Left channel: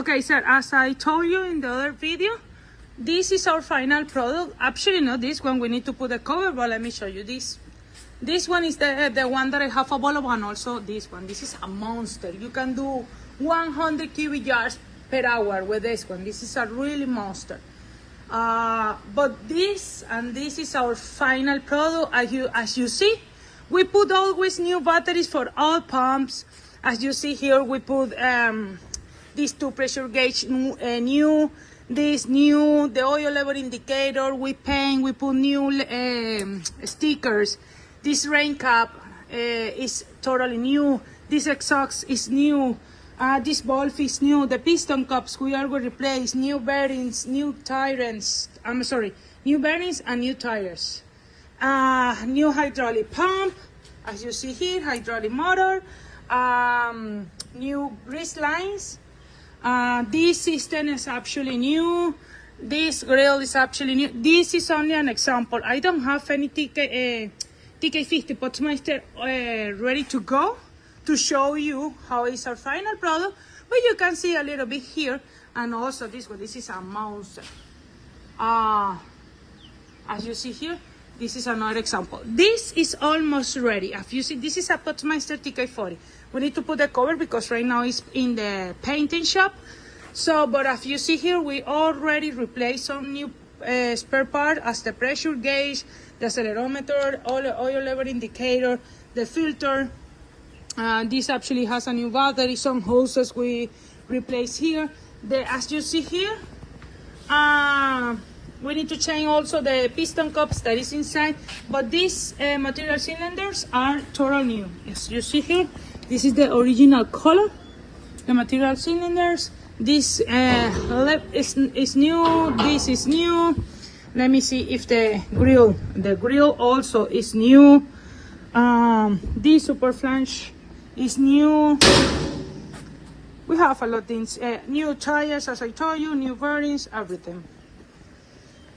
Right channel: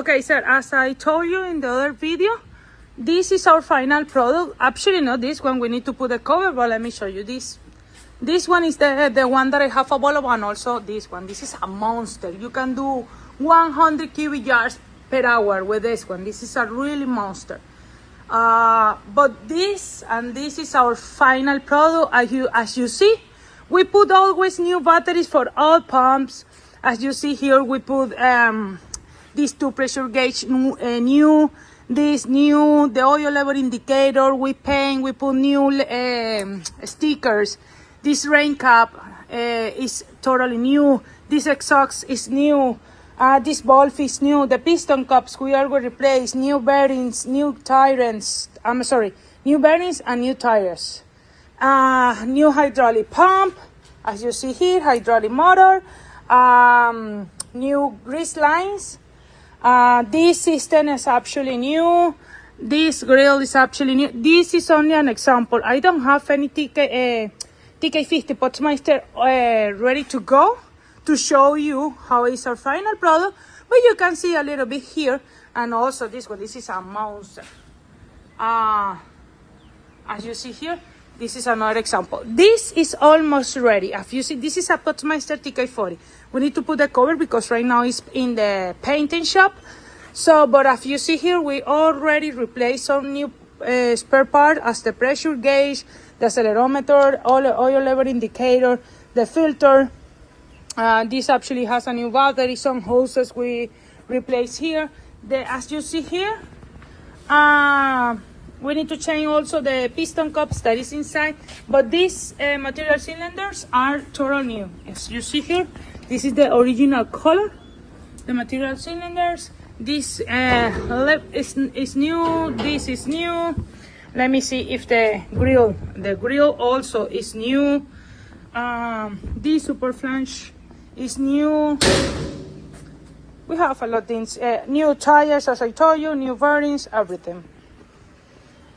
Okay, sir, as I told you in the other video, this is our final product. Actually, not this one. We need to put a cover, but let me show you this. This one is the one that I have available, and also this one. This is a monster. You can do 100 cubic yards per hour with this one. This is a really monster. But this is our final product. As you see, we put always new batteries for all pumps. As you see here, we put these two pressure gauge new, the oil level indicator, we paint, we put new stickers. This rain cap is totally new. This exhaust is new. This valve is new. The piston cups we are going to replace. New bearings, new tires. New bearings and new tires. New hydraulic pump, as you see here, hydraulic motor. New grease lines. This system is actually new. This grill is actually new. This is only an example. I don't have any TK50 Postmeister ready to go to show you how is our final product, but you can see a little bit here, and also this one. This is a monster. As you see here, this is another example. This is almost ready. As you see, this is a Postmeister TK40. We need to put the cover because right now it's in the painting shop. So, but as you see here, we already replaced some new spare part as the pressure gauge, the accelerometer, oil level indicator, the filter. This actually has a new battery. Some hoses we replaced here. As you see here, we need to change also the piston cups that is inside. But these material cylinders are totally new. As you see here, this is the original color. The material cylinders. This is new. This is new. Let me see if the grill also is new. This super flange is new. We have a lot of things. New tires, as I told you, new bearings, everything.